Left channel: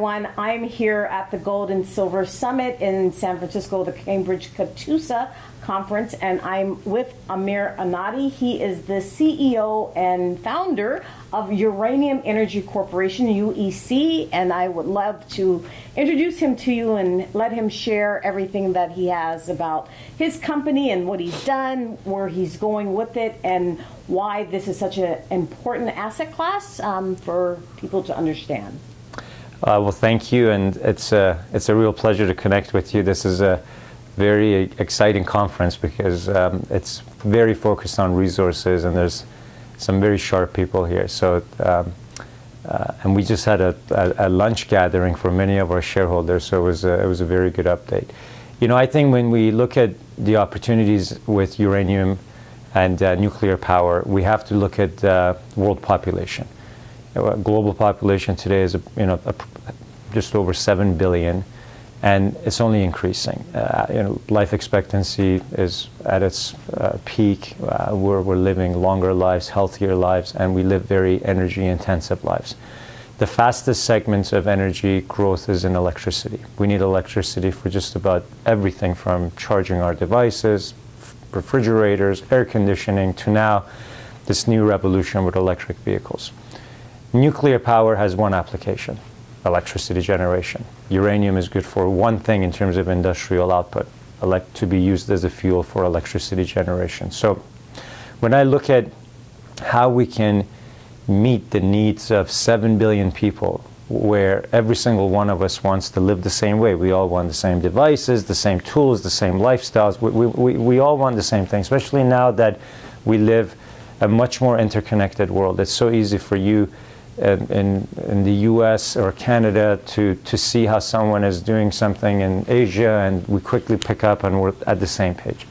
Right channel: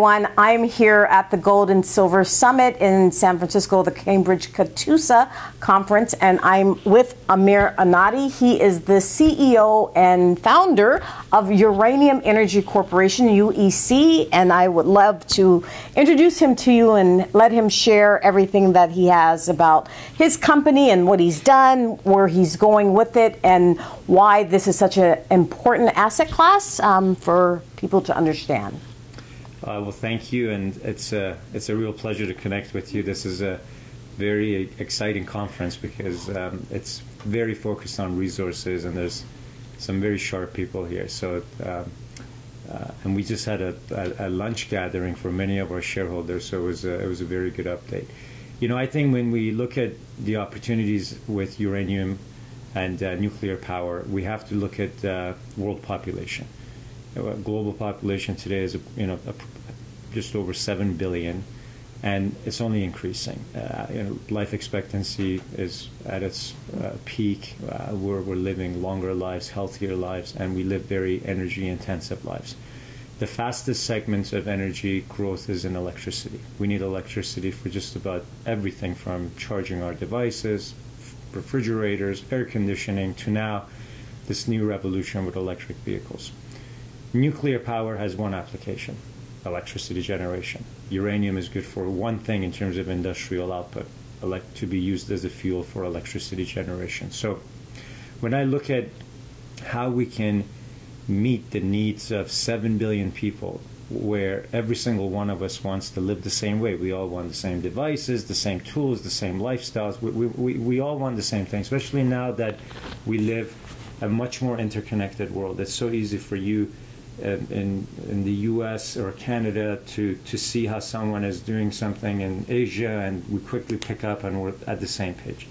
everyone. I'm here at the Gold and Silver Summit in San Francisco, the Cambridge-Catoosa Conference, and I'm with Amir Adnani. He is the CEO and founder of Uranium Energy Corporation, UEC, and I would love to introduce him to you and let him share everything that he has about his company and what he's done, where he's going with it, and why this is such an important asset class for people to understand. Well, thank you, and it's a real pleasure to connect with you. This is a very exciting conference because it's very focused on resources, and there's some very sharp people here. So, and we just had a lunch gathering for many of our shareholders, so it was a very good update. You know, I think when we look at the opportunities with uranium and nuclear power, we have to look at world population. Global population today is, just over 7 billion, and it's only increasing. Life expectancy is at its peak. We're living longer lives, healthier lives, and we live very energy-intensive lives. The fastest segments of energy growth is in electricity. We need electricity for just about everything from charging our devices, refrigerators, air conditioning, to now this new revolution with electric vehicles. Nuclear power has one application: electricity generation. Uranium is good for one thing in terms of industrial output, to be used as a fuel for electricity generation. So when I look at how we can meet the needs of 7 billion people, where every single one of us wants to live the same way. We all want the same devices, the same tools, the same lifestyles. We all want the same thing, especially now that we live a much more interconnected world. It's so easy for you in the US or Canada to see how someone is doing something in Asia, and we quickly pick up and we're at the same page.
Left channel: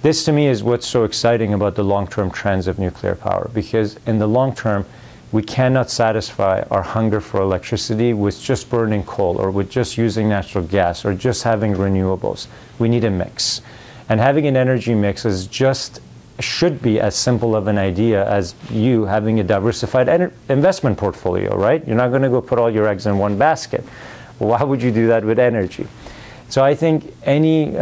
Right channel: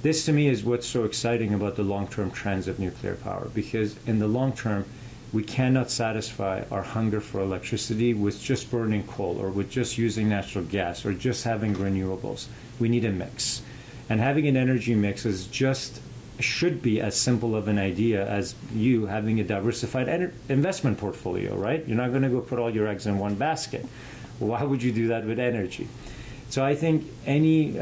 This to me is what's so exciting about the long-term trends of nuclear power, because in the long term we cannot satisfy our hunger for electricity with just burning coal or with just using natural gas or just having renewables. We need a mix, and having an energy mix should be as simple of an idea as you having a diversified investment portfolio, right? You're not going to go put all your eggs in one basket. Why would you do that with energy? So I think any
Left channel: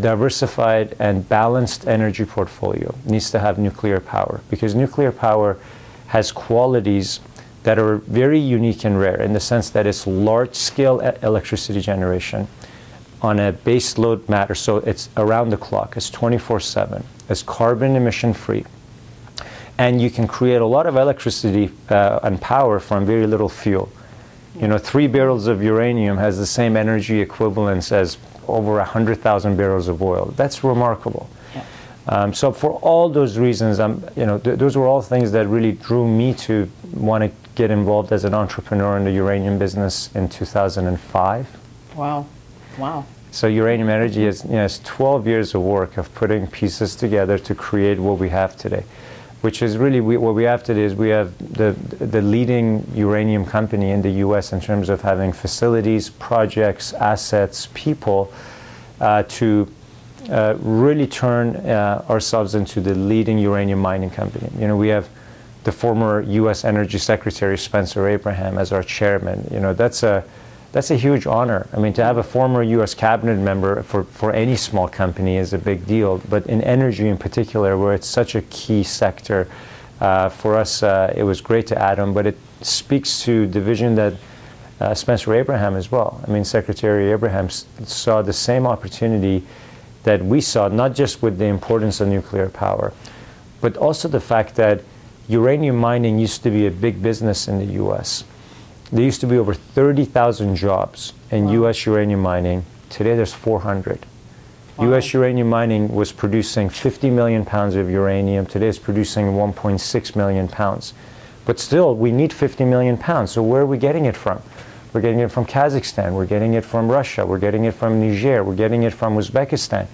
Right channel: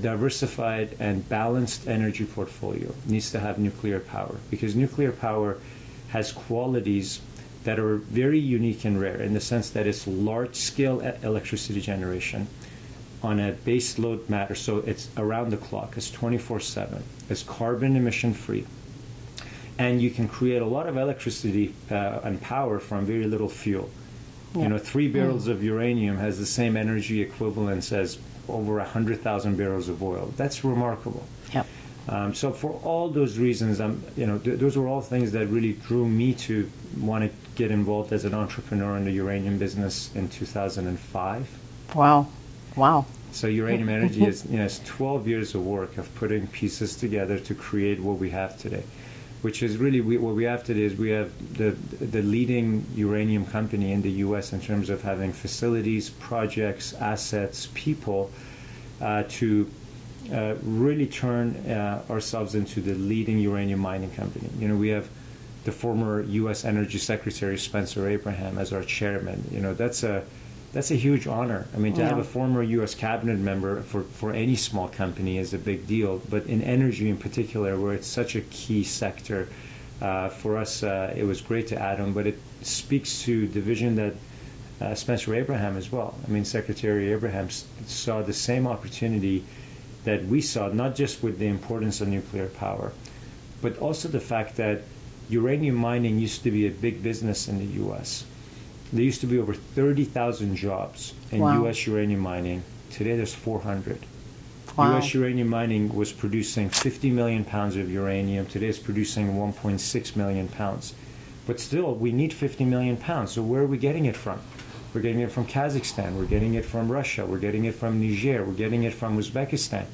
diversified and balanced energy portfolio needs to have nuclear power, because nuclear power has qualities that are very unique and rare in the sense that it's large-scale electricity generation on a base load matter, so it's around the clock, it's 24/7, it's carbon emission free, and you can create a lot of electricity and power from very little fuel. Yeah. 3 barrels of uranium has the same energy equivalence as over 100,000 barrels of oil. That's remarkable. Yep. So for all those reasons, those were all things that really drew me to want to get involved as an entrepreneur in the uranium business in 2005. Wow. Wow. So Uranium Energy is 12 years of work of putting pieces together to create what we have today, which is really what we have today is we have the leading uranium company in the U.S. in terms of having facilities, projects, assets, people to really turn ourselves into the leading uranium mining company. We have the former U.S. Energy Secretary Spencer Abraham as our chairman. That's a huge honor. I mean, to have a former U.S. cabinet member for any small company is a big deal, but in energy in particular, where it's such a key sector, for us, it was great to add him, but it speaks to the vision that Spencer Abraham as well. I mean, Secretary Abraham saw the same opportunity that we saw, not just with the importance of nuclear power, but also the fact that uranium mining used to be a big business in the U.S. There used to be over 30,000 jobs in wow. U.S. uranium mining. Today there's 400. Wow. U.S. uranium mining was producing 50 million pounds of uranium. Today it's producing 1.6 million pounds. But still, we need 50 million pounds. So where are we getting it from? We're getting it from Kazakhstan. We're getting it from Russia. We're getting it from Niger. We're getting it from Uzbekistan.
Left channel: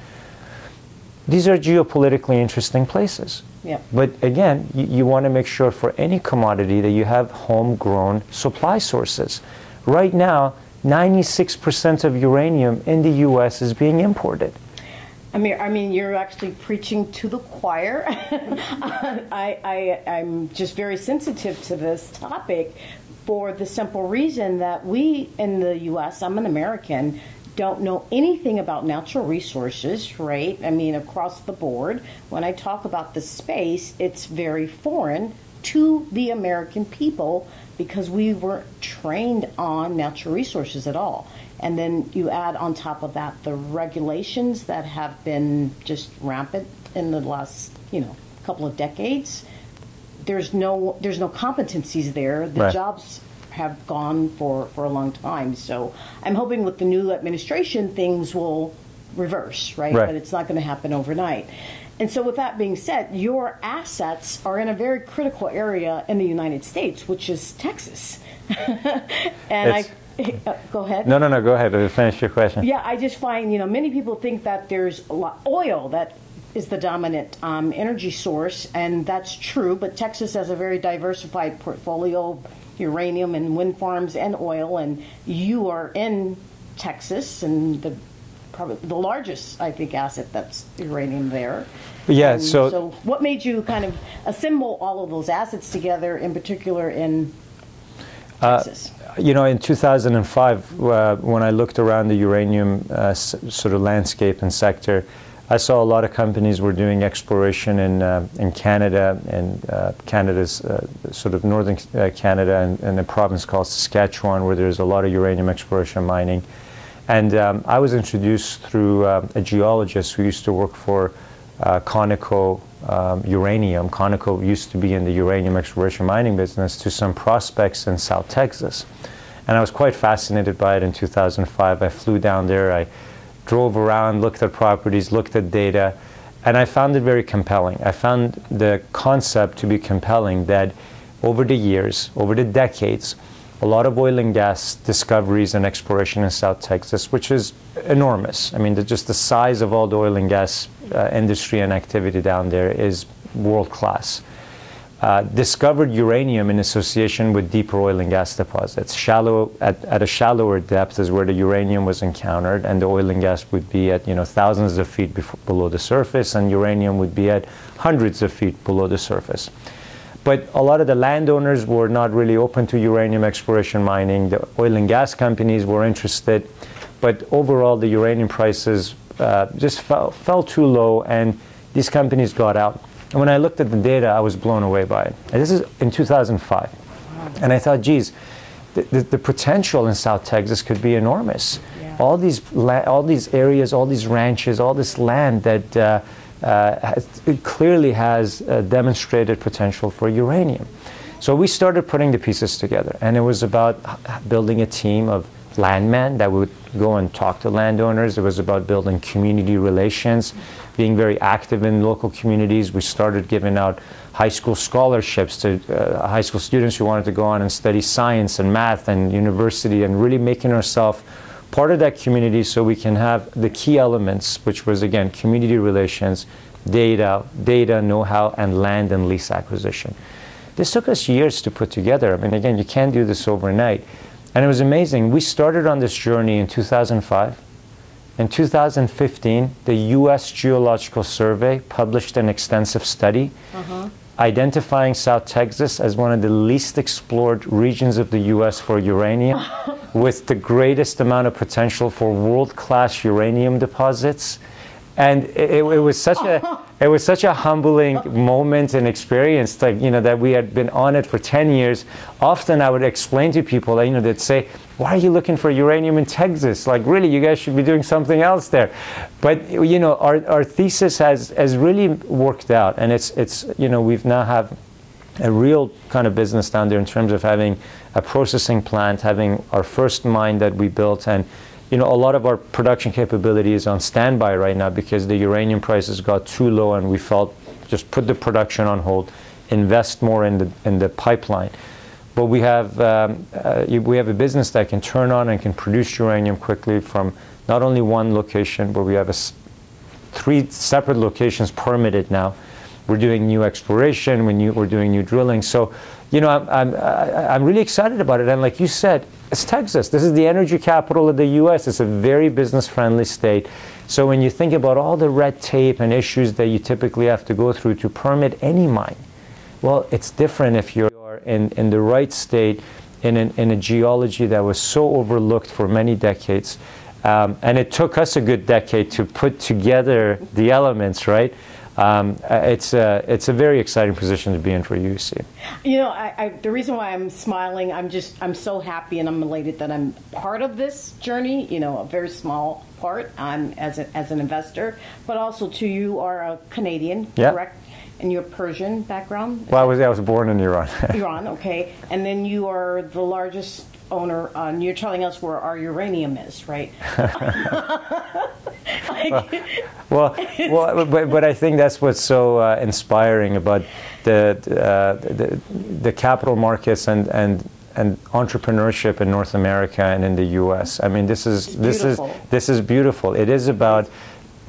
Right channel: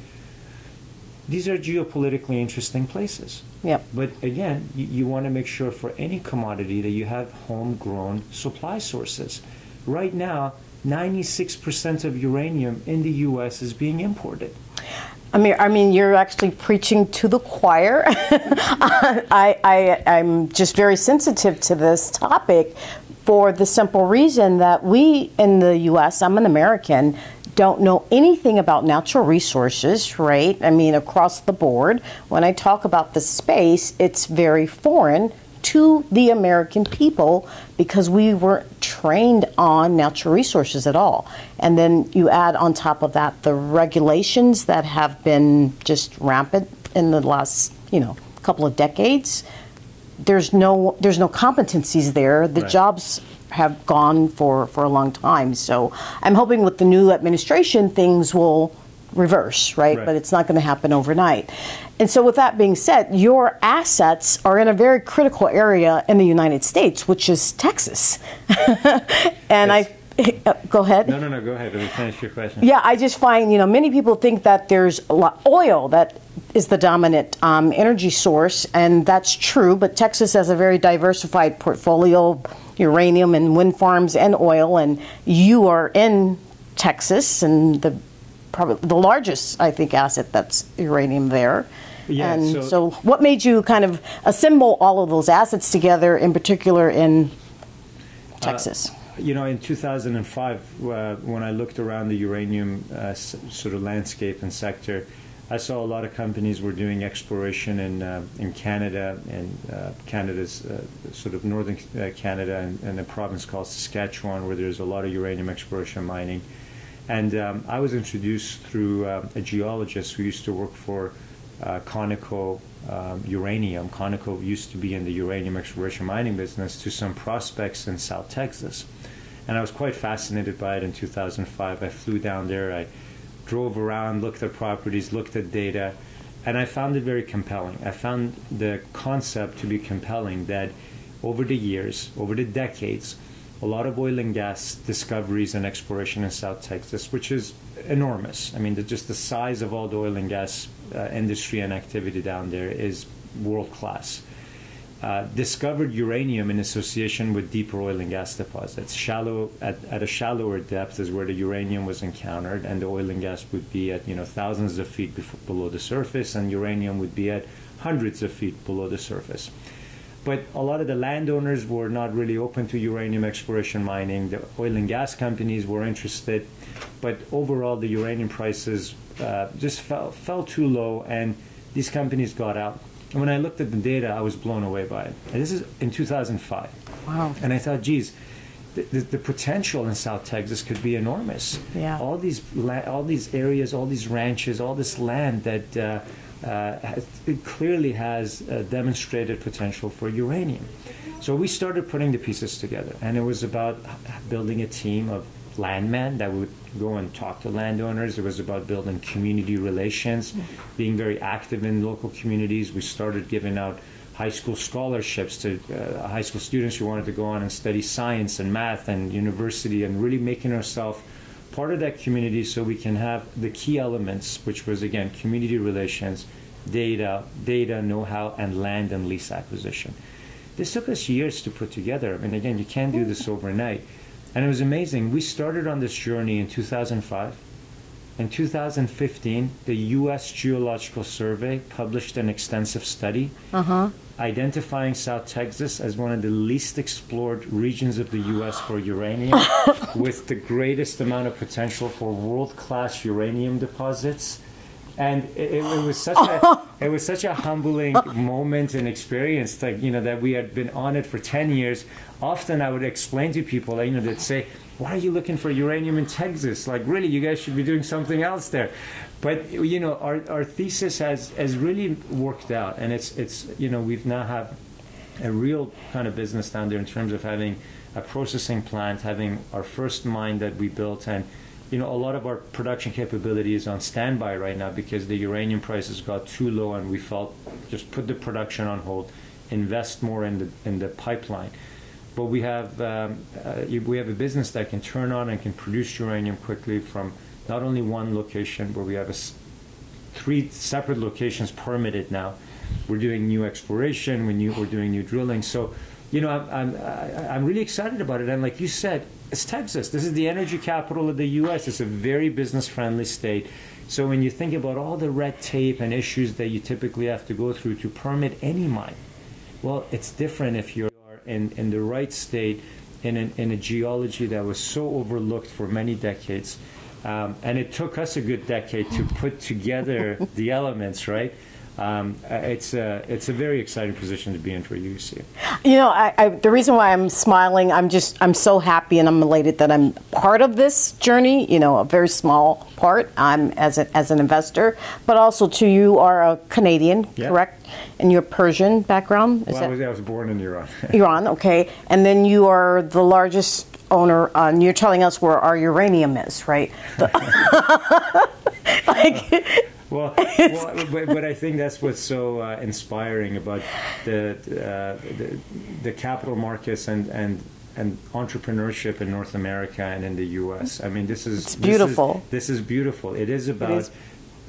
These are geopolitically interesting places. Yep. But again, you want to make sure for any commodity that you have homegrown supply sources. Right now, 96% of uranium in the U.S. is being imported. Amir, I mean, you're actually preaching to the choir. I'm just very sensitive to this topic. for the simple reason that we in the U.S., I'm an American, don't know anything about natural resources, right? I mean, across the board. When I talk about the space, it's very foreign to the American people because we weren't trained on natural resources at all. And then you add on top of that the regulations that have been just rampant in the last, couple of decades. There's no competencies there. The right. jobs have gone for a long time. So I'm hoping with the new administration things will reverse, right? But it's not going to happen overnight. And so with that being said, your assets are in a very critical area in the United States, which is Texas. And go ahead. No, go ahead. Finish your question. Yeah, I just find, many people think that there's oil that is the dominant energy source, and that's true, but Texas has a very diversified portfolio, uranium and wind farms and oil, and you are in Texas, and probably the largest, I think, asset that's uranium there. Yeah. And so what made you kind of assemble all of those assets together, in particular in Texas? In 2005, when I looked around the uranium sort of landscape and sector, I saw a lot of companies were doing exploration in Canada, and Canada's sort of northern Canada, and a province called Saskatchewan, where there's a lot of uranium exploration mining. And I was introduced through a geologist who used to work for Conoco Uranium. Conoco used to be in the uranium exploration mining business, to some prospects in South Texas. And I was quite fascinated by it in 2005. I flew down there. I drove around, looked at properties, looked at data, and I found it very compelling. I found the concept to be compelling that over the years, over the decades, a lot of oil and gas discoveries and exploration in South Texas, which is enormous. I mean, just the size of all the oil and gas industry and activity down there is world-class. Discovered uranium in association with deeper oil and gas deposits. At a shallower depth is where the uranium was encountered, and the oil and gas would be at thousands of feet below the surface, and uranium would be at hundreds of feet below the surface. But a lot of the landowners were not really open to uranium exploration mining. The oil and gas companies were interested, but overall the uranium prices just fell too low, and these companies got out. And when I looked at the data, I was blown away by it. And this is in 2005. Wow. And I thought, geez, the potential in South Texas could be enormous. Yeah. All these areas, all these ranches, all this land that it clearly has demonstrated potential for uranium. So we started putting the pieces together. And it was about building a team of landmen that would go and talk to landowners. It was about building community relations, being very active in local communities. We started giving out high school scholarships to high school students who wanted to go on and study science and math and university, and really making ourselves part of that community so we can have the key elements, which was, again, community relations, data, know-how, and land and lease acquisition. This took us years to put together. I mean, again, you can't do this overnight. And it was amazing. We started on this journey in 2005. In 2015, the U.S. Geological Survey published an extensive study identifying South Texas as one of the least explored regions of the U.S. for uranium, with the greatest amount of potential for world-class uranium deposits. And it was such a humbling moment and experience, like, that we had been on it for 10 years. Often I would explain to people, they'd say, "Why are you looking for uranium in Texas? Like, really, you guys should be doing something else there." But our thesis has really worked out, and it's we've now have a real kind of business down there in terms of having a processing plant, having our first mine that we built, and a lot of our production capability is on standby right now because the uranium prices got too low, and we felt just put the production on hold, invest more in the pipeline. But we have a business that can turn on and can produce uranium quickly from not only one location, but we have 3 separate locations permitted now. We're doing new exploration, we're doing new drilling. So, I'm really excited about it. And like you said, it's Texas. This is the energy capital of the U.S. It's a very business-friendly state. So when you think about all the red tape and issues that you typically have to go through to permit any mine, well, it's different if you're in the right state, in a geology that was so overlooked for many decades. And it took us a good decade to put together the elements, right? It's a very exciting position to be in for UC. You know, the reason why I'm smiling, I'm so happy and I'm elated that I'm part of this journey. You know, a very small part. I'm as an investor, but also too, you are a Canadian, correct? And you're Persian background. Well, I was born in Iran. Iran, okay. And then you are the largest owner, and you're telling us where our uranium is, right? But I think that's what's so inspiring about the capital markets and entrepreneurship in North America and in the U.S. I mean, this is beautiful. This is beautiful. It is about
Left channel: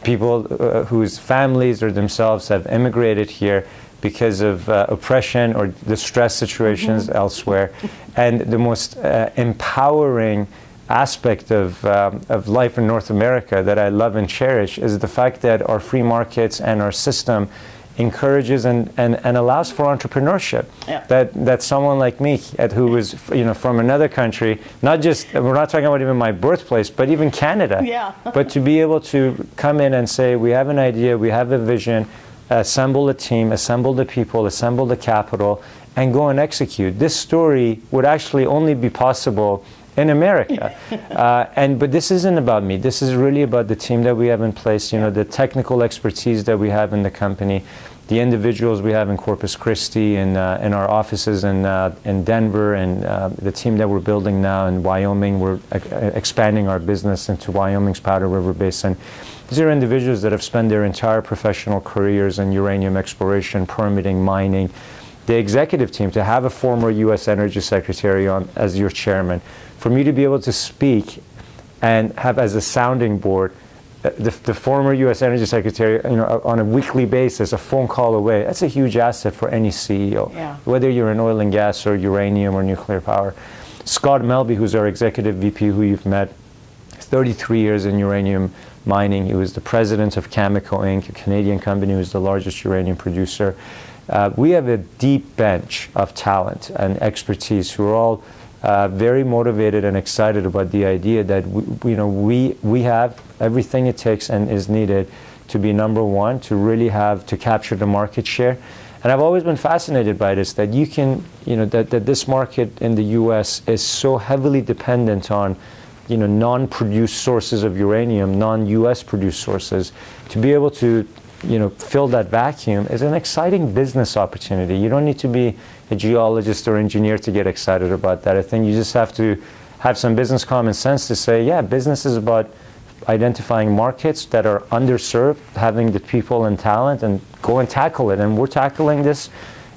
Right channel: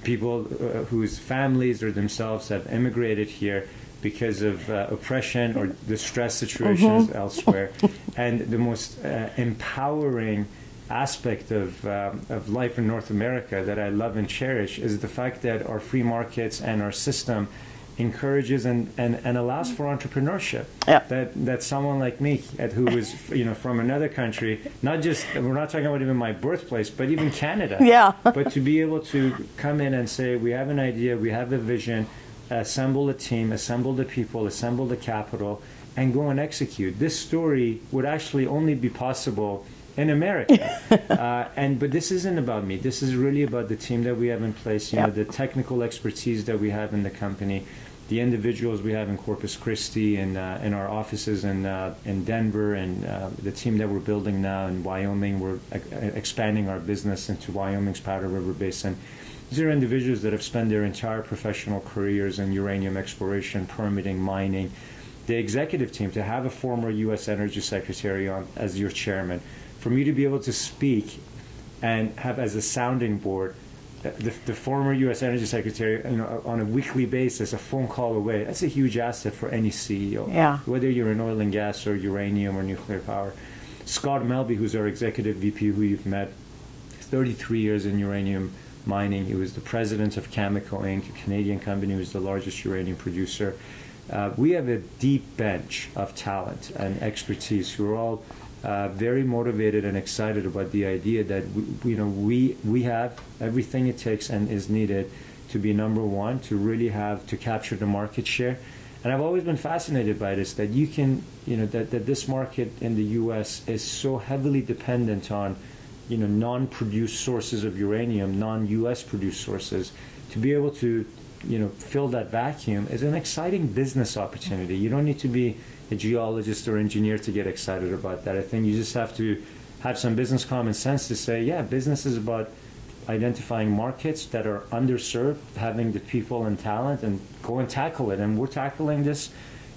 people whose families or themselves have immigrated here because of oppression or distress situations elsewhere. And the most empowering aspect of life in North America that I love and cherish is the fact that our free markets and our system encourages and allows for entrepreneurship. That someone like me, who was from another country, we're not talking about even my birthplace, but even Canada. But to be able to come in and say, we have an idea, we have a vision, assemble a team, assemble the people, assemble the capital, and go and execute. This story would actually only be possible in America. But this isn't about me. This is really about the team that we have in place, the technical expertise that we have in the company, the individuals we have in Corpus Christi, in our offices in Denver, and the team that we're building now in Wyoming. We're expanding our business into Wyoming's Powder River Basin. These are individuals that have spent their entire professional careers in uranium exploration, permitting, mining. The executive team, to have a former U.S. Energy Secretary on as your chairman, for me to be able to speak and have as a sounding board the former U.S. Energy Secretary, on a weekly basis, a phone call away, that's a huge asset for any CEO, whether you're in oil and gas or uranium or nuclear power. Scott Melby, who's our executive VP, who you've met, 33 years in uranium mining. He was the president of Cameco Inc., a Canadian company who's the largest uranium producer. We have a deep bench of talent and expertise who are all very motivated and excited about the idea that we have everything it takes and is needed to be number one, to really to capture the market share. And I've always been fascinated by this, that you can, that this market in the U.S. is so heavily dependent on non-produced sources of uranium, non-U.S. produced sources. To be able to fill that vacuum is an exciting business opportunity. You don't need to be a geologist or engineer to get excited about that. I think you just have to have some business common sense to say, yeah, business is about identifying markets that are underserved, having the people and talent, and go and tackle it. And we're tackling this,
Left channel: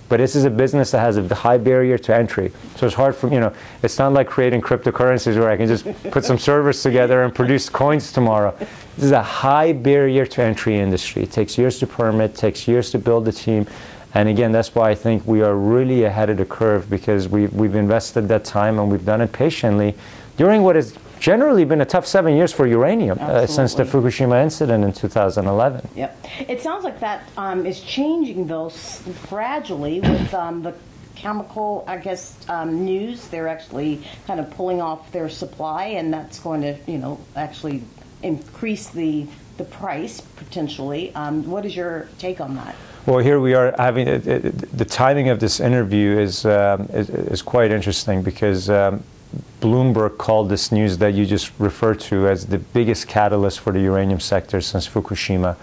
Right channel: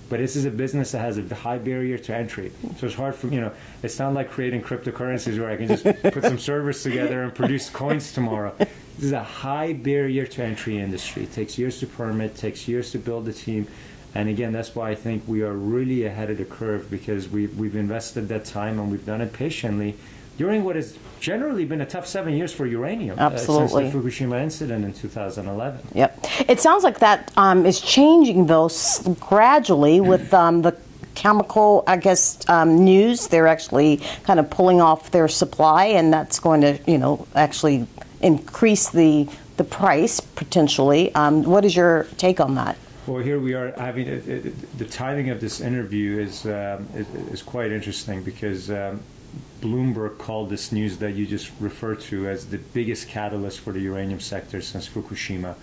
but this is a business that has a high barrier to entry. So it's hard for, it's not like creating cryptocurrencies where I can just put some servers together and produce coins tomorrow. This is a high barrier to entry industry. It takes years to permit, takes years to build a team. And again, that's why I think we are really ahead of the curve, because we've invested that time and we've done it patiently during what has generally been a tough 7 years for uranium since the Fukushima incident in 2011. Yep. It sounds like that is changing, though, gradually with the chemical, news. They're actually kind of pulling off their supply, and that's going to, actually increase the price potentially. What is your take on that? Well, here we are having the timing of this interview is quite interesting, because Bloomberg called this news that you just referred to as the biggest catalyst for the uranium sector since Fukushima.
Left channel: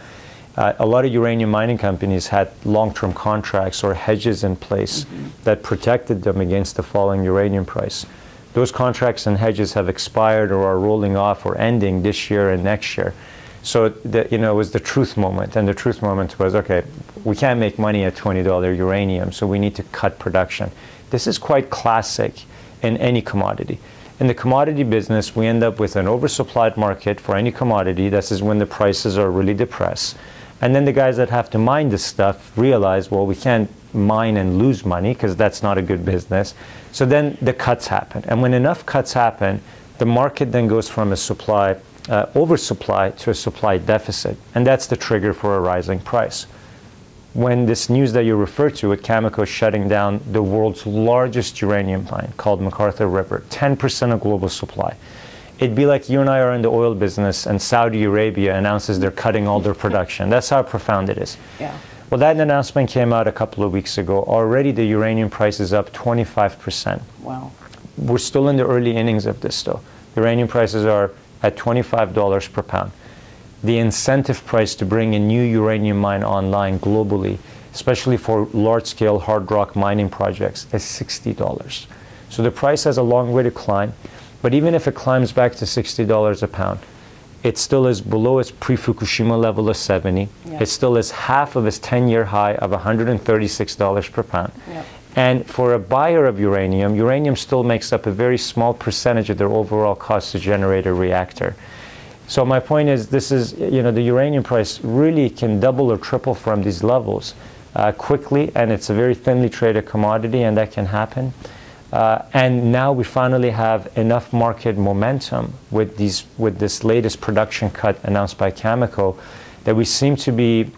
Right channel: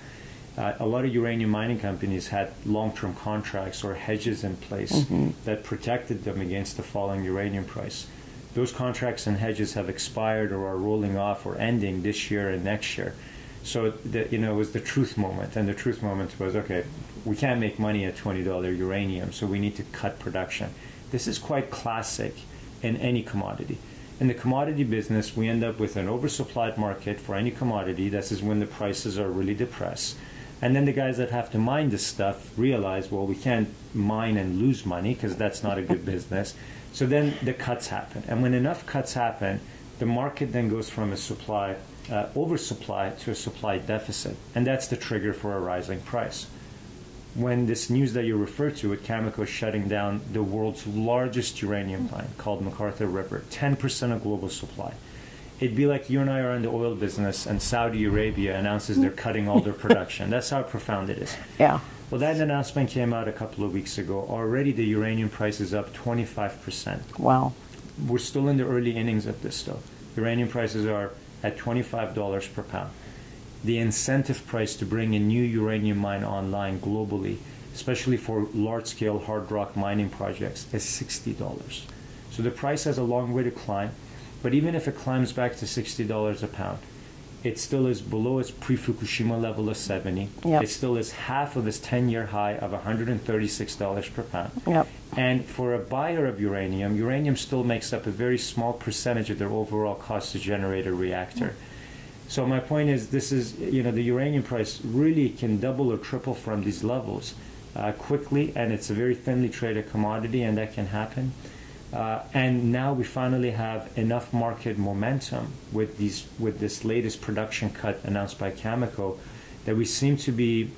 A lot of uranium mining companies had long-term contracts or hedges in place that protected them against the falling uranium price. Those contracts and hedges have expired or are rolling off or ending this year and next year. So it was the truth moment, and the truth moment was, okay, we can't make money at $20 uranium, so we need to cut production. This is quite classic in any commodity. In the commodity business, we end up with an oversupplied market for any commodity. This is when the prices are really depressed. And then the guys that have to mine this stuff realize, well, we can't mine and lose money, because that's not a good business. So then the cuts happen. And when enough cuts happen, the market then goes from a oversupply to a supply deficit. And that's the trigger for a rising price. when this news that you referred to with Cameco shutting down the world's largest uranium mine called McArthur River, 10% of global supply. It'd be like you and I are in the oil business and Saudi Arabia announces they're cutting all their production. That's how profound it is. Yeah. Well, that announcement came out a couple of weeks ago. Already the uranium price is up 25%. Wow. We're still in the early innings of this, though. Uranium prices are at $25 per pound. The incentive price to bring a new uranium mine online globally, especially for large-scale hard rock mining projects, is $60. So the price has a long way to climb. But even if it climbs back to $60 a pound, it still is below its pre-Fukushima level of 70. Yep. It still is half of its 10-year high of $136 per pound. Yep. And for a buyer of uranium, uranium still makes up a very small percentage of their overall cost to generate a reactor. So my point is, this is, the uranium price really can double or triple from these levels quickly, and it's a very thinly traded commodity, and that can happen. And now we finally have enough market momentum with this latest production cut announced by Cameco that we seem to be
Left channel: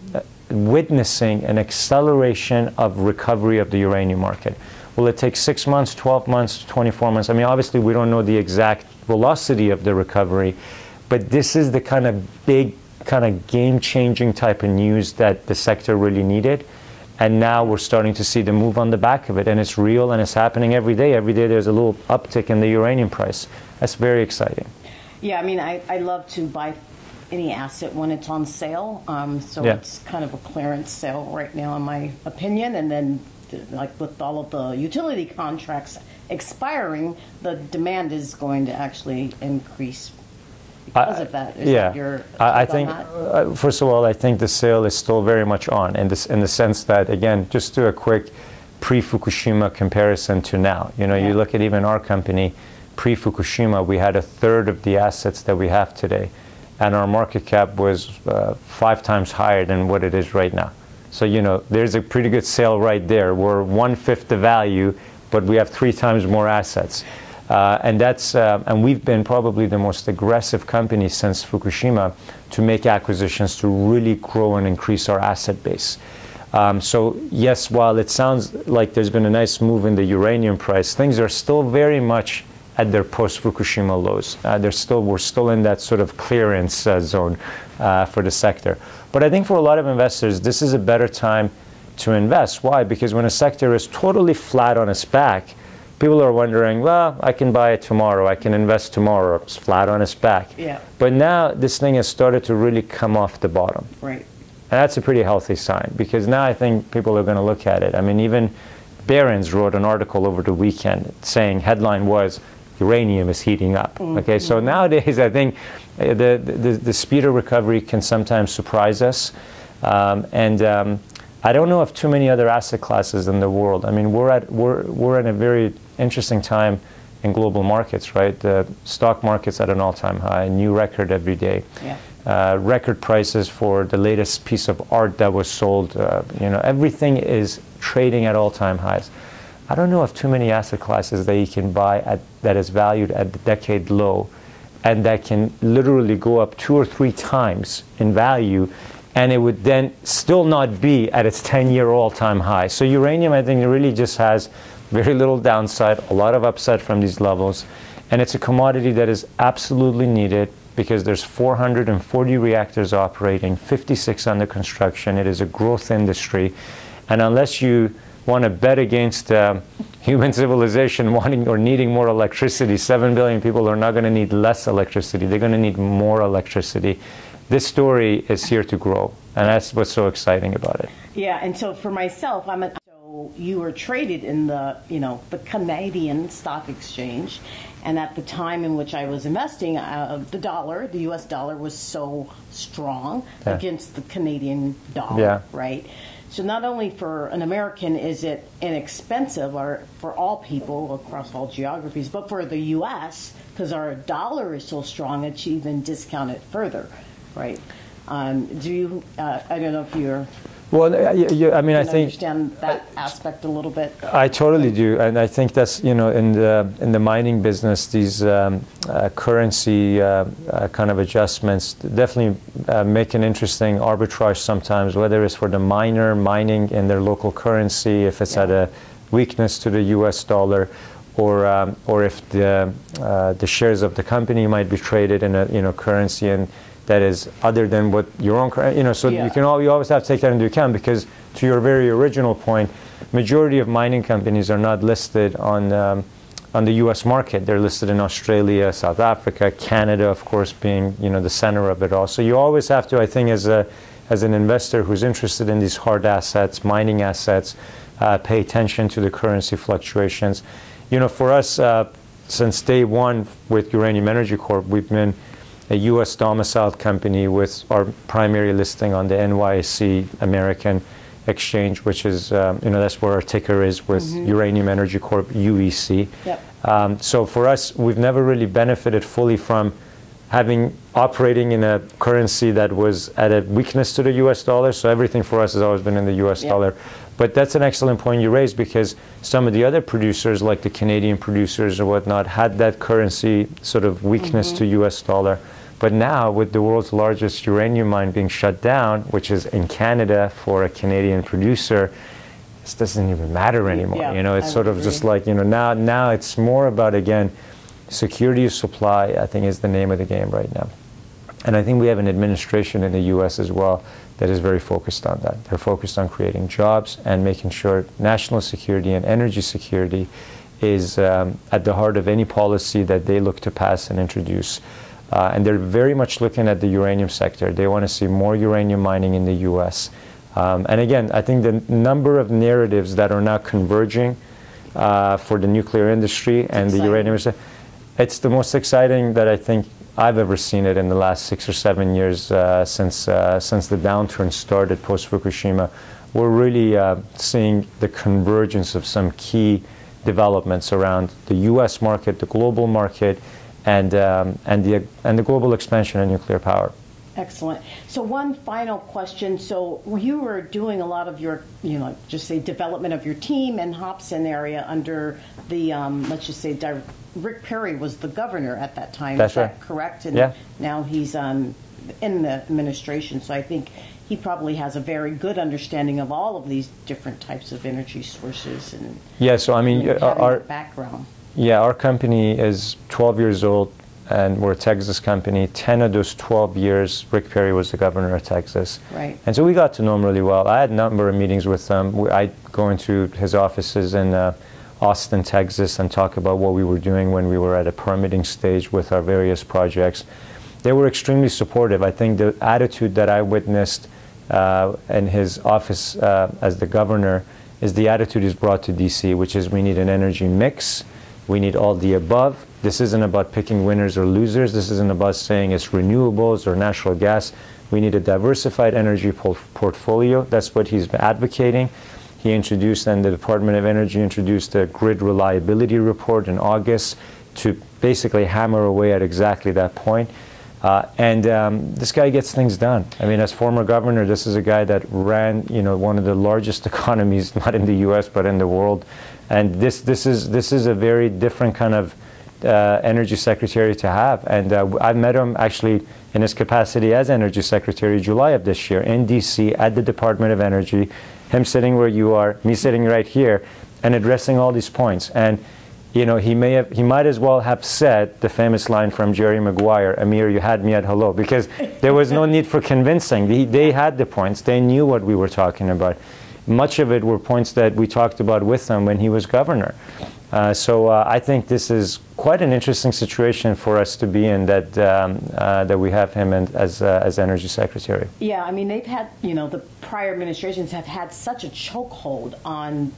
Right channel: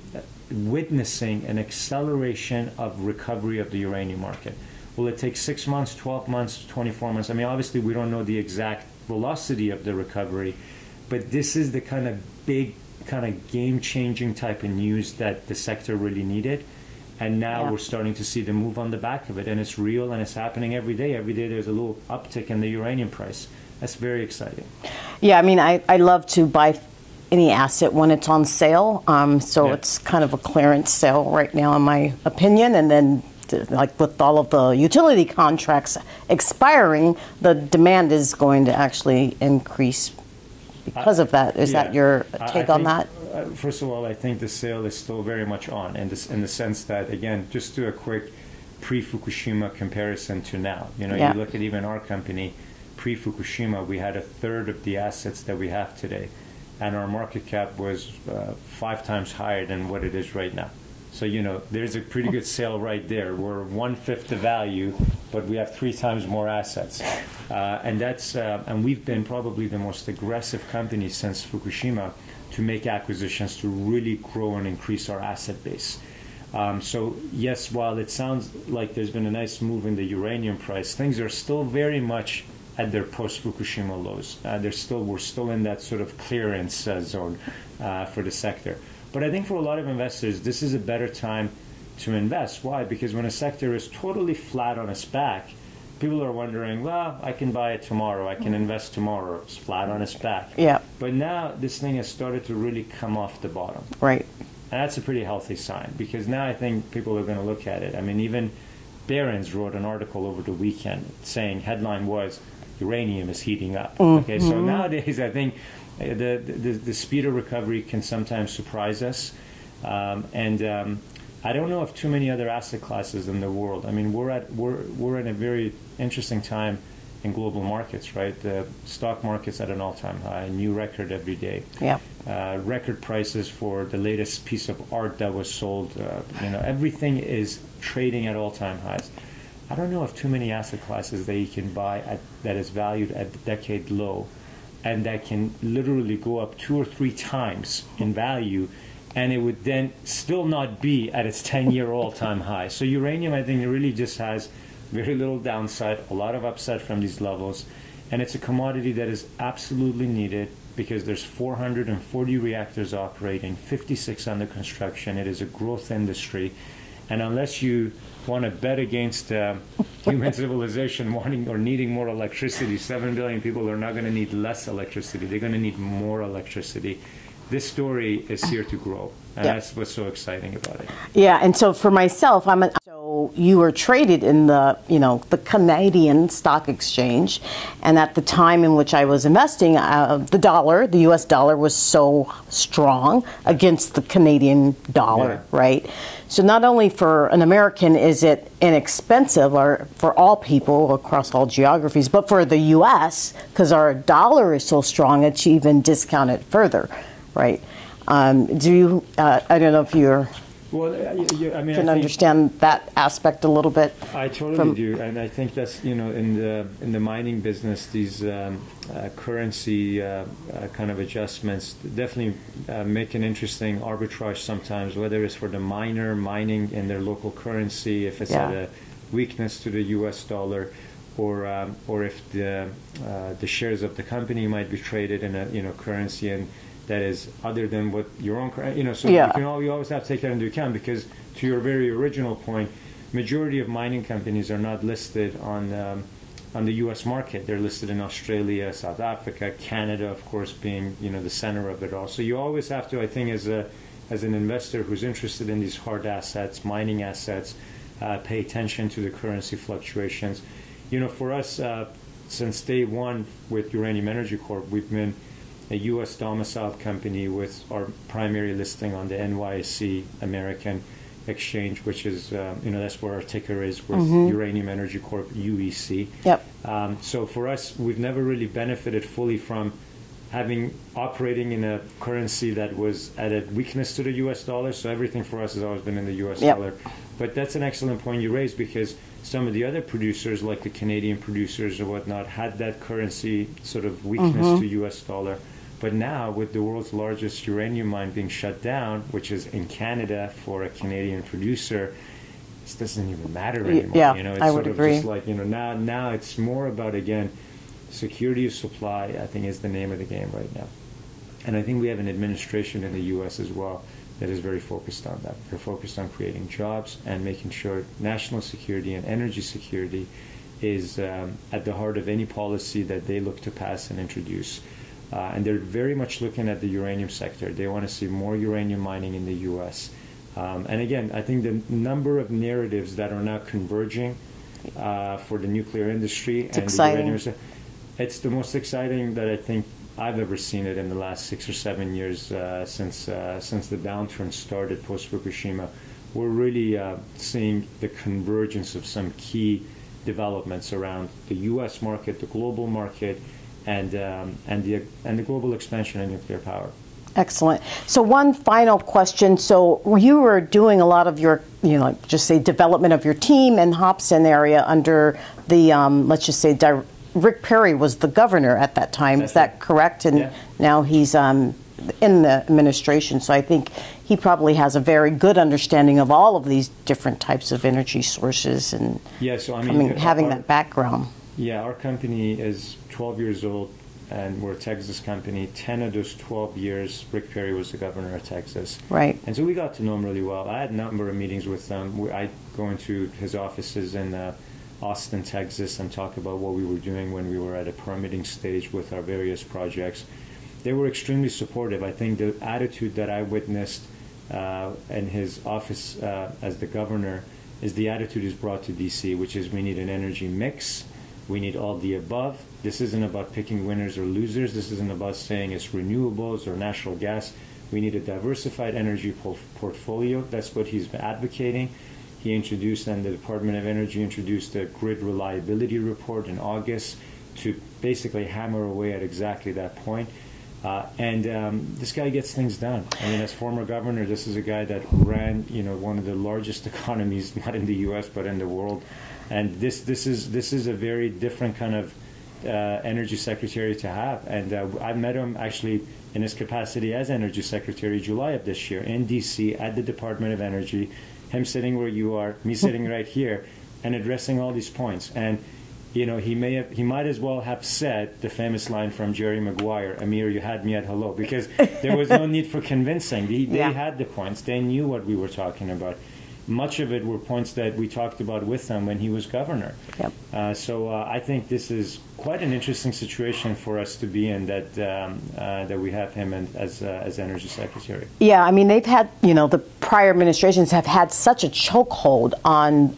witnessing an acceleration of recovery of the uranium market. Will it take 6 months, 12 months, 24 months? I mean, obviously, we don't know the exact velocity of the recovery, but this is the kind of big, kind of game-changing type of news that the sector really needed. And now we're starting to see the move on the back of it, and it's real, and it's happening every day. Every day there's a little uptick in the uranium price. That's very exciting. Yeah, I mean, I love to buy any asset when it's on sale. It's kind of a clearance sale right now, in my opinion. And then, like with all of the utility contracts expiring, the demand is going to actually increase because of that. Is that your take on that? First of all, I think the sale is still very much on in the sense that, again, just do a quick pre-Fukushima comparison to now. You look at even our company, pre-Fukushima, we had a third of the assets that we have today, and our market cap was 5 times higher than what it is right now. So, there's a pretty good sale right there. We're 1/5 the value, but we have 3 times more assets. And we've been probably the most aggressive company since Fukushima to make acquisitions to really grow and increase our asset base. So yes, while it sounds like there's been a nice move in the uranium price, things are still very much at their post-Fukushima lows. We're still in that sort of clearance zone for the sector. But I think for a lot of investors, this is a better time to invest. Why? Because when a sector is totally flat on its back, people are wondering, well, I can buy it tomorrow, I can invest tomorrow, it's flat on its back. Yeah. But now this thing has started to really come off the bottom. Right. And that's a pretty healthy sign, because now I think people are going to look at it. I mean, even Barron's wrote an article over the weekend saying, headline was, uranium is heating up. Mm-hmm. Okay, so nowadays I think the speed of recovery can sometimes surprise us. I don't know of too many other asset classes in the world. I mean, we're in a very interesting time in global markets, right? The stock market's at an all-time high, new record every day. Yeah. Record prices for the latest piece of art that was sold. Everything is trading at all-time highs. I don't know of too many asset classes that you can buy that is valued at the decade low, and that can literally go up 2 or 3 times in value, and it would then still not be at its 10-year all-time high. So uranium, I think, really just has very little downside, a lot of upside from these levels, and it's a commodity that is absolutely needed because there's 440 reactors operating, 56 under construction. It is a growth industry, and unless you want to bet against human civilization wanting or needing more electricity, 7 billion people are not going to need less electricity. They're going to need more electricity. This story is here to grow, and that's what's so exciting about it. Yeah, and so for myself, so you were traded in the Canadian stock exchange, and at the time in which I was investing, the U.S. dollar was so strong against the Canadian dollar, right? So not only for an American is it inexpensive, or for all people across all geographies, but for the U.S., because our dollar is so strong, it's even discounted further. Right. I don't know if you're Well, I mean, I think understand that aspect a little bit. I totally do, and I think that's, you know, in the mining business, these currency kind of adjustments definitely make an interesting arbitrage sometimes, whether it's for the miner mining in their local currency, if it's at a weakness to the U.S. dollar, or if the shares of the company might be traded in a currency and that is other than what your own, you know, so you always have to take that into account, because to your very original point, majority of mining companies are not listed on the U.S. market. They're listed in Australia, South Africa, Canada, of course, being, you know, the center of it all. So you always have to, I think, as an investor who's interested in these hard assets, mining assets, pay attention to the currency fluctuations. You know, for us, since day one with Uranium Energy Corp, we've been a U.S. domiciled company with our primary listing on the NYSE American exchange, which is, you know, that's where our ticker is with Uranium Energy Corp, UEC. Yep. So for us, we've never really benefited fully from operating in a currency that was at a weakness to the U.S. dollar. So everything for us has always been in the U.S. dollar. But that's an excellent point you raised, because some of the other producers, like the Canadian producers or whatnot, had that currency sort of weakness to U.S. dollar. But now, with the world's largest uranium mine being shut down, which is in Canada for a Canadian producer, this doesn't even matter anymore. Yeah, you know, it's sort of just like, you know, now it's more about, again, security of supply, I think, is the name of the game right now. And I think we have an administration in the U.S. as well that is very focused on that. They're focused on creating jobs and making sure national security and energy security is at the heart of any policy that they look to pass and introduce. And they're very much looking at the uranium sector. They want to see more uranium mining in the U.S. And again, I think the number of narratives that are now converging for the nuclear industry and the uranium industry, it's the most exciting that I think I've ever seen it in the last 6 or 7 years since the downturn started post-Fukushima. We're really seeing the convergence of some key developments around the U.S. market, the global market, and the global expansion of nuclear power. Excellent. So one final question. So you were doing a lot of your, you know, just say development of your team in Hobson area under the, let's just say, Rick Perry was the governor at that time. Is that correct? And now he's in the administration. So I think he probably has a very good understanding of all of these different types of energy sources and so I mean, having that background. Yeah, our company is 12 years old, and we're a Texas company. 10 of those 12 years, Rick Perry was the governor of Texas. Right. And so we got to know him really well. I had a number of meetings with him. I'd go into his offices in Austin, Texas, and talk about what we were doing when we were at a permitting stage with our various projects. They were extremely supportive. I think the attitude that I witnessed in his office as the governor is the attitude he's brought to D.C., which is we need an energy mix. We need all the above. This isn't about picking winners or losers. This isn't about saying it's renewables or natural gas. We need a diversified energy portfolio. That's what he's advocating. He introduced, and the Department of Energy introduced a grid reliability report in August to basically hammer away at exactly that point. This guy gets things done. I mean, as former governor, this is a guy that ran, you know, one of the largest economies, not in the U.S. but in the world. And this is a very different kind of energy secretary to have. And I met him actually in his capacity as energy secretary July of this year in D.C. at the Department of Energy. Him sitting where you are, me sitting right here, and addressing all these points. And you know, he might as well have said the famous line from Jerry Maguire, "Amir, you had me at hello," because there was no need for convincing. They had the points. They knew what we were talking about. Much of it were points that we talked about with him when he was governor. Yep. So I think this is quite an interesting situation for us to be in, that that we have him as energy secretary. Yeah, I mean, they've had, you know, the prior administrations have had such a chokehold on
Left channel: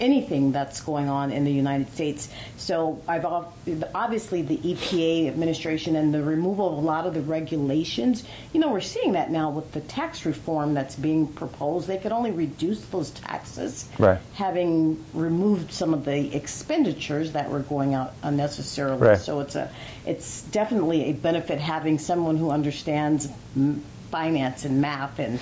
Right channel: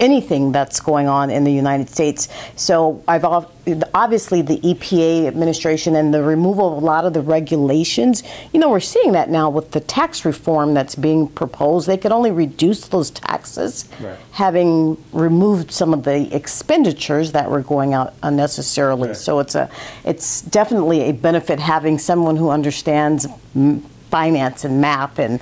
anything that's going on in the United States. So obviously the EPA administration and the removal of a lot of the regulations, you know, we're seeing that now with the tax reform that's being proposed. They could only reduce those taxes, right, having removed some of the expenditures that were going out unnecessarily. Right. So it's definitely a benefit having someone who understands finance and math and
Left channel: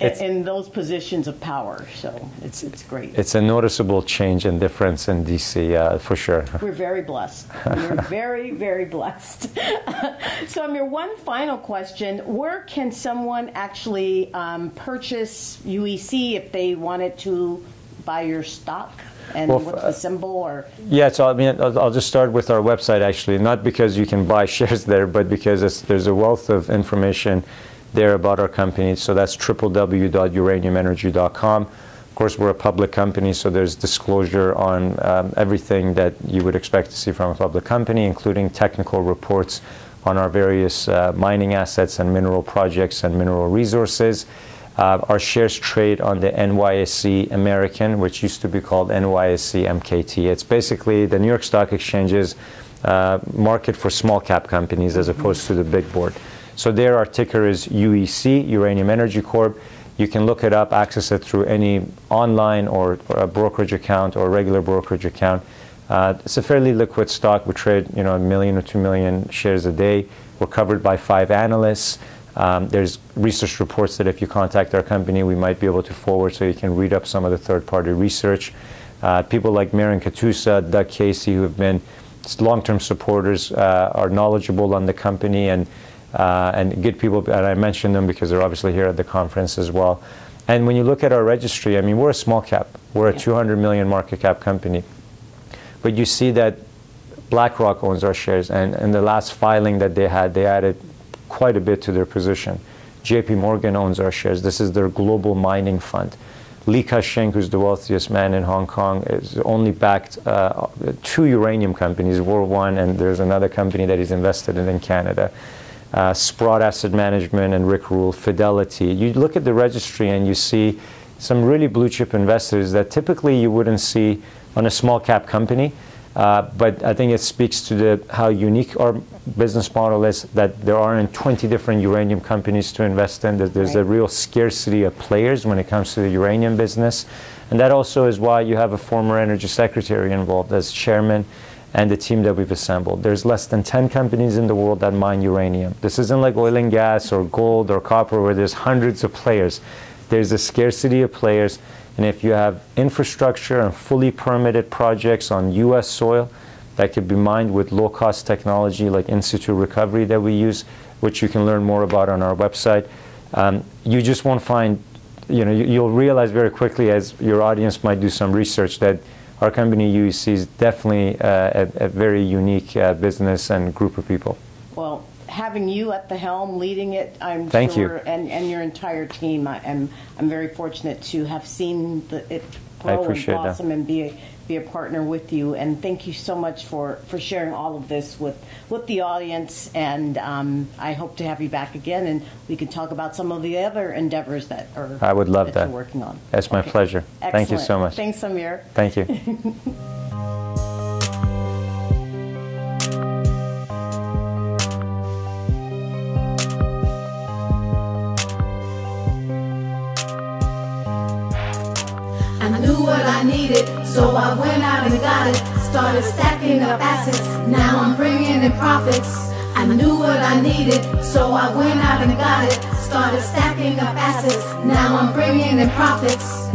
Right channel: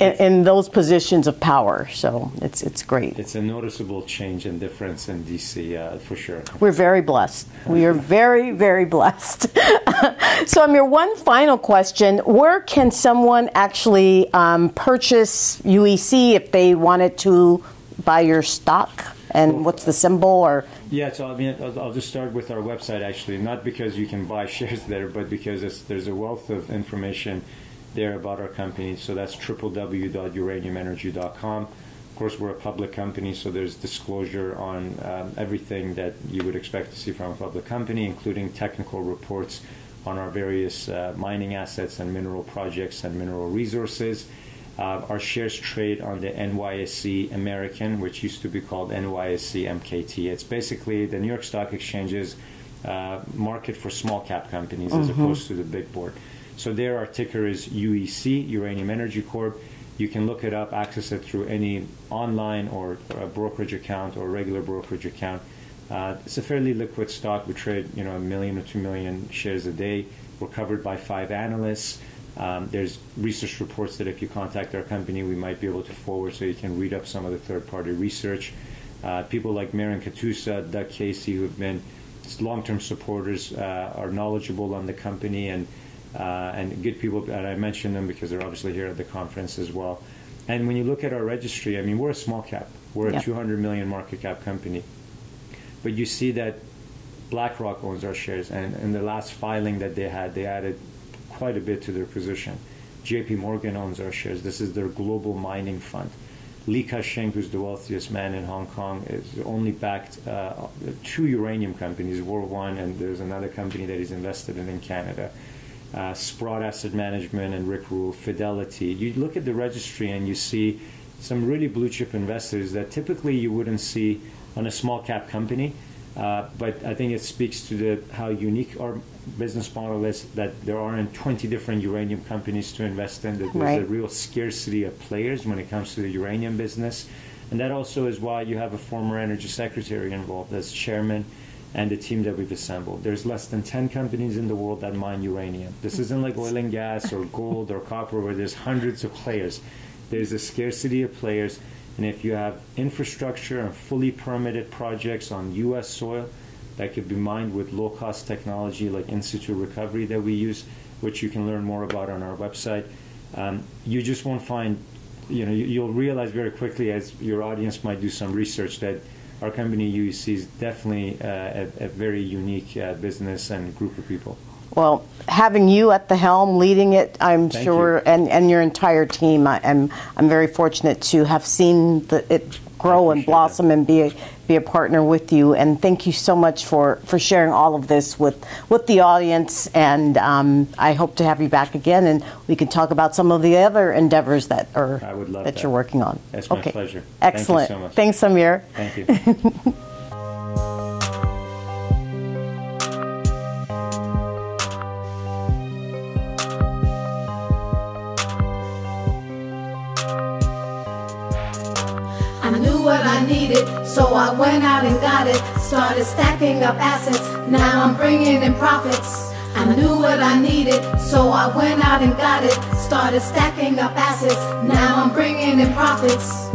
in those positions of power. So it's great. It's a noticeable change and difference in DC, for sure. We're very blessed. We are very, very blessed. So, Amir, one final question. Where can someone actually purchase UEC if they wanted to buy your stock? And well, what's the symbol? Or yeah, so I mean, I'll just start with our website, actually, not because you can buy shares there, but because there's a wealth of information there about our company. So that's www.uraniumenergy.com. Of course, we're a public company, so there's disclosure on everything that you would expect to see from a public company, including technical reports on our various mining assets and mineral projects and mineral resources. Our shares trade on the NYSE American, which used to be called NYSE MKT. It's basically the New York Stock Exchange's market for small cap companies as opposed to the big board. So there our ticker is UEC, Uranium Energy Corp. You can look it up, access it through any online or a brokerage account or regular brokerage account. It's a fairly liquid stock. We trade, 1 million or 2 million shares a day. We're covered by 5 analysts. There's research reports that if you contact our company, we might be able to forward so you can read up some of the third-party research. People like Maren Katusa, Doug Casey, who have been long-term supporters, are knowledgeable on the company and good people. And I mentioned them because they're obviously here at the conference as well. And when you look at our registry, I mean, we're a small cap. We're a 200 million market cap company. But you see that BlackRock owns our shares. And in the last filing that they added quite a bit to their position. JP Morgan owns our shares. This is their global mining fund. Li Ka-shing, who's the wealthiest man in Hong Kong, is only backed 2 uranium companies, War One, and there's another company that he's invested in Canada. Sprott Asset Management and Rick Rule, Fidelity. You look at the registry and you see some really blue chip investors that typically you wouldn't see on a small cap company. But I think it speaks to how unique our business model is, that there aren't 20 different uranium companies to invest in. There's a real scarcity of players when it comes to the uranium business. And that also is why you have a former energy secretary involved as chairman and the team that we've assembled. There's less than 10 companies in the world that mine uranium. This isn't like oil and gas or gold or copper where there's hundreds of players. There's a scarcity of players. And if you have infrastructure and fully permitted projects on U.S. soil that could be mined with low-cost technology like in-situ recovery that we use, which you can learn more about on our website, you just won't find, you'll realize very quickly as your audience might do some research that our company UEC is definitely a very unique business and group of people. Well, having you at the helm, leading it, I'm Thank sure, you. and your entire team, I'm very fortunate to have seen it grow and blossom and be a partner with you. And thank you so much for sharing all of this with the audience. And I hope to have you back again, and we can talk about some of the other endeavors that I would love that you're working on. That's my pleasure. Excellent. Thank you so much. Thanks, Amir. Thank you. I knew what I needed, so I went out and got it. Started stacking up assets, now I'm bringing in profits. I knew what I needed, so I went out and got it. Started stacking up assets, now I'm bringing in profits.